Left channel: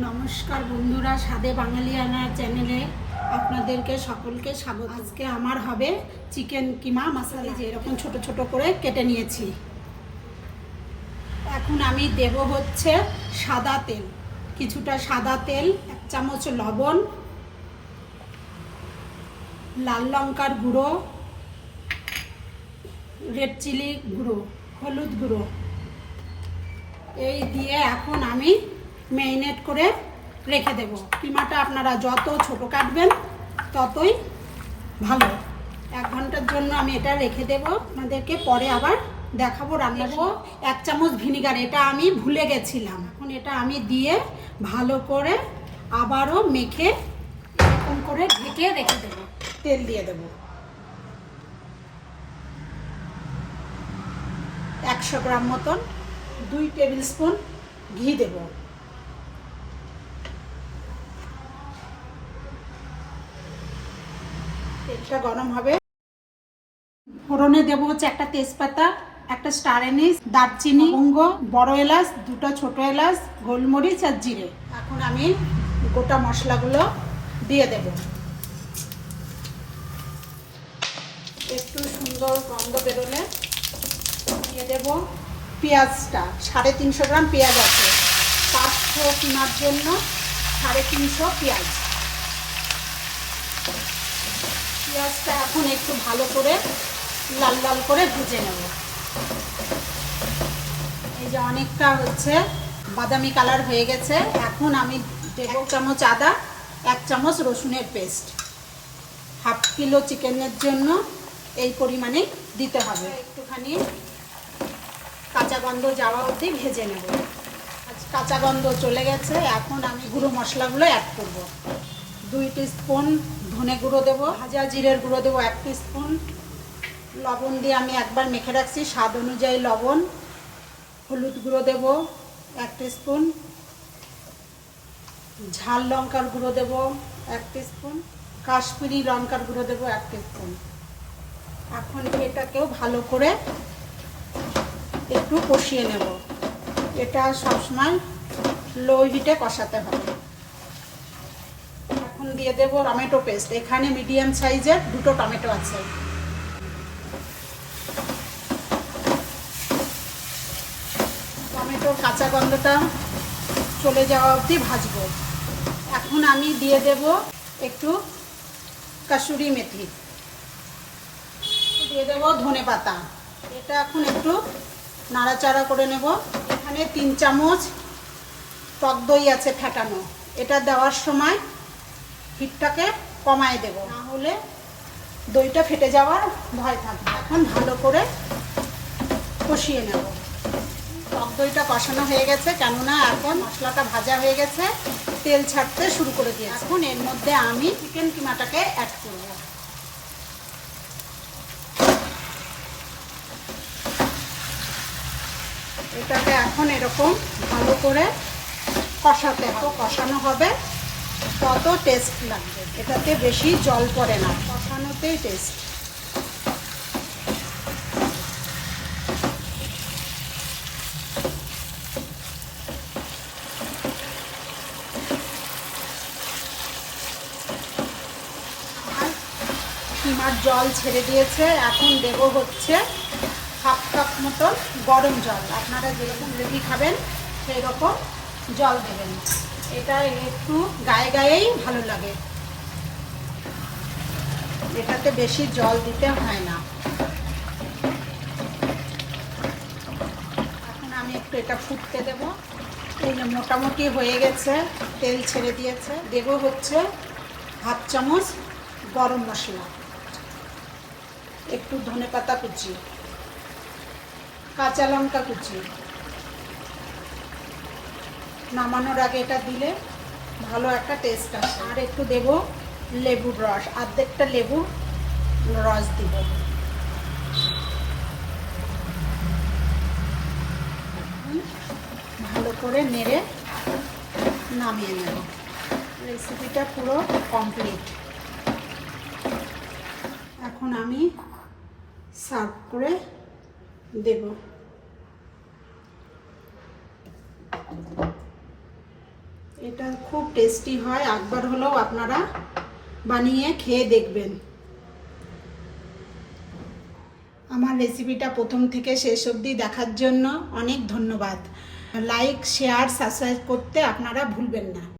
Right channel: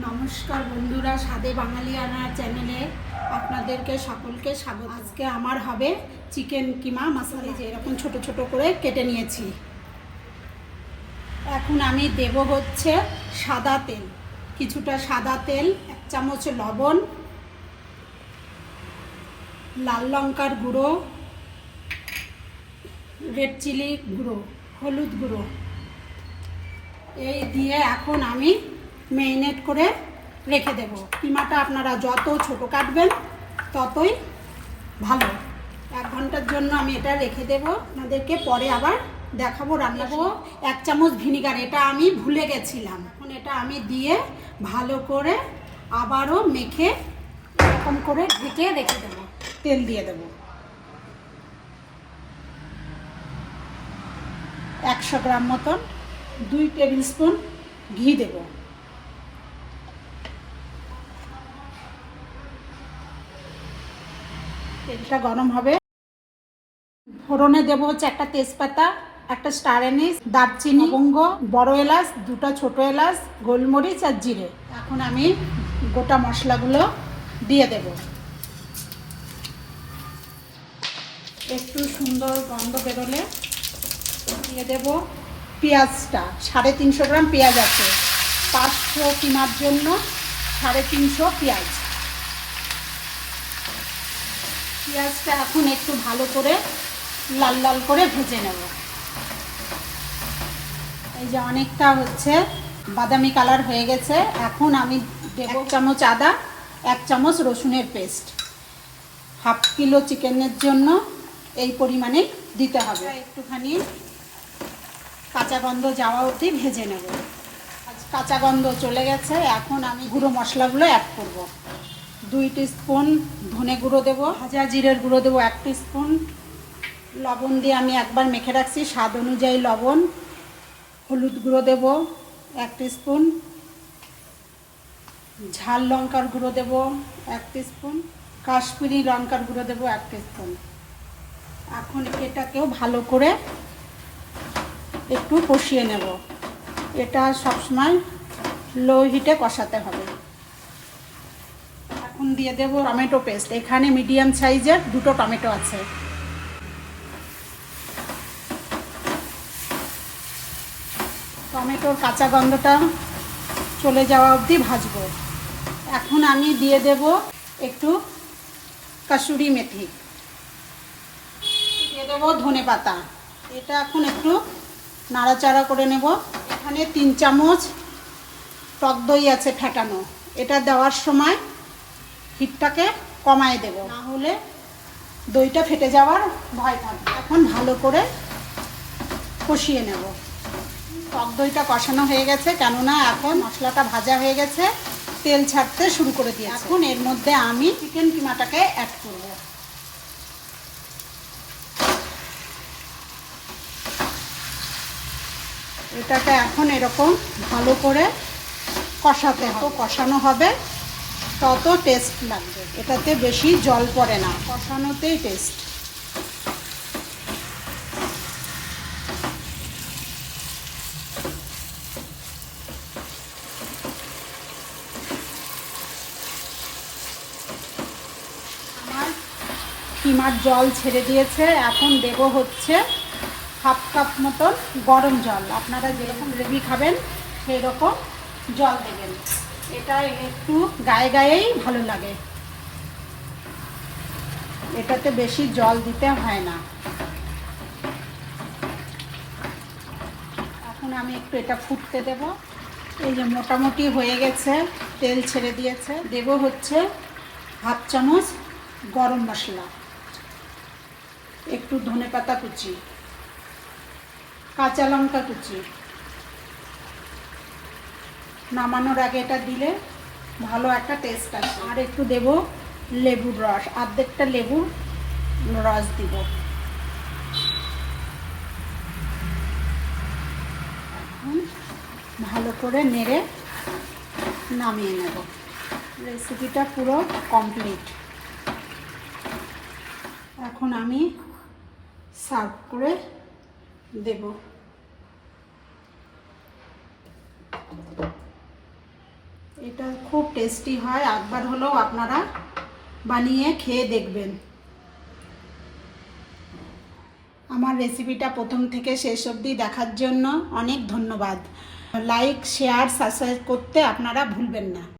নমস্কার বন্ধুরা, স্বাদে বাঙালিয়ানা চ্যানেলে আপনাদেরকে সকলকে স্বাগত। আজকে আমার হবে চিকেন কিমা মশলা, যে এরকম ছোট ছোট করে কেটে নিয়েছি। এখন আমি দেব হচ্ছে সাদা তেল, কিছুটা সাদা তেল, 1 চামচ লবণ, লাল লঙ্কার গুঁড়ো, রেড চিলি গুঁড়ো, হলুদ গুঁড়ো, এই দিয়ে এখন আমি ম্যারিনেট করে রেখে দেব। কিমাটা আপনারা যত ছোট কাটবেন ততই ভালো। 1 ঘন্টার জন্য আমি এটা রেখে দেব। আপনাদেরকে পরে আবার দেখাবো রান্না। 1 চামচ ভিনিগার, এটা আমি ভুলে গেছিলাম। এখন এটা আমি দিয়ে ভালো করে আবারও মেখে এরকম করে ঢেকে রেখে দেব। তেল দিয়ে দেব 100 গ্রাম মতন, 2 টেবিল স্পুন ঘি দেব। তেলটা গরম হবে, ফোড়নে দেবো হচ্ছে একটা তেজপাতা, একটা স্টার এনিস, দারচিনি, লবঙ্গ, বড় এলাচ, 2টা ছোট এলাচ, গোলমরিচ আর জিরে। এখন আমি গোটা মশলাগুলো দিয়ে দেব। একটু সুন্দর গন্ধ বেরোলে দিয়ে দেব পেঁয়াজটা। 350 গ্রাম পেঁয়াজ আছে, 500 কিমার জন্য 350 পেঁয়াজ। পেঁয়াজটা এখন একটু ভালো করে লাল লাল করে ভেজে নেব। এই যে অনেকটা হচ্ছে বাদামি কালার হয়ে গেছে। এখন আমি দেব 1 চামচ আদা, 1 চামচ রসুনের পেস্ট। 1/2 কিলো চিকেনের জন্য এই পরিমাণে দিতে হবে। একটুখানি কাঁচা গন্ধ যাওয়া অবধি ভেজে নেব। কাঁচা গন্ধ চলে গেছে, এখন আমি গুঁড়ো মশলাগুলো অ্যাড করব। 2 টিস্পুন ধনে গুঁড়ো দেবো, ভাজা জিরের গুঁড়ো দেবো 1 টিস্পুন, লবণ দিয়ে আমি একবার মেখে রাখছি, স্বাদ অনুযায়ী লবণ, হলুদ গুঁড়ো দেবো 1 টিস্পুন, ঝাল লঙ্কার গুঁড়ো দেবো 1 টিস্পুন, কাশ্মীরি লঙ্কার গুঁড়ো দেবো 1 টিস্পুন। এখন এটাকেও ভালো করে একটু কষিয়ে নেব। এটা সবসময় লো হিটে কষাতে হবে। এখন দিয়ে দেবো টমেটো পেস্ট। এখানে মিডিয়াম সাইজের 2টো টমেটো আছে। টমেটোর কাঁচা গন্ধটা চলে যাওয়া অবধি ভাজবো। এখন আমি দিয়ে দেব একটু কাসুরি মেথি, দিয়ে দেবো ধনে পাতা। এটা এখন একটু নাড়াচাড়া করে নেব। এখানে 3 চামচ টক দই আছে ফেটানো, এটা দেওয়ার সময় হিটটাকে কমায় দেব, না হলে দইটা ফেটে যাওয়ার ভয় থাকবে। এখন ভালো করে কষিয়ে নেব। টক দইটা কষানো হয়ে গেছে, কেননা এখন মশলাটা ভাজা হয়ে গেছে, তেল ছাড়তে শুরু করে দিয়েছে। এখন এর মধ্যে আমি চিকেন কিমাটাকে অ্যাড করব। এটাকে এখন এরকম ভালো করে কষাতে হবে। কষানো হবে তত টেস্ট লাগবে, এটাতে বেশি জল পড়ে না, কষানোতেই টেস্ট। কিমার জল ছেড়ে দিয়েছে, এখন দেব হচ্ছে 1/2 কাপ মতো গরম জল। আপনারা যেরকম গ্রেভি খাবেন সেই রকম জল দেবেন। এটা একটু গায়ে গায়েই ভালো লাগে, এটাতে বেশি জল দিতে হয় না। এখন আমি একটু এটা ফুটতে দেব। এই যে মোটামুটি হয়ে গেছে, তেল ছেড়ে দিয়েছে। দেব হচ্ছে 1/2 চামচ গরম মশলা, একটু ধনেপাতা কুচি, কাঁচা লঙ্কা কুচি। নামানোর আগে এটা দিলে ভালো একটা টেস্ট আসে। আর একটু দেব লেবুর রস, অর্ধেকটা লেবুর রস দিব। ভালো করে নেড়ে নামিয়ে নেব। রেসিপিটা পুরো কমপ্লিট। এখন আমি সার্ভ করে দেব। এটা খুব টেস্টি হয়, একবার হলেও আপনারা বানিয়ে খেয়ে দেখবেন। আমার রেসিপিটা প্রথম থেকে শেষ অবধি দেখার জন্য অনেক ধন্যবাদ। লাইক, শেয়ার, সাবস্ক্রাইব করতে আপনারা ভুলবেন না।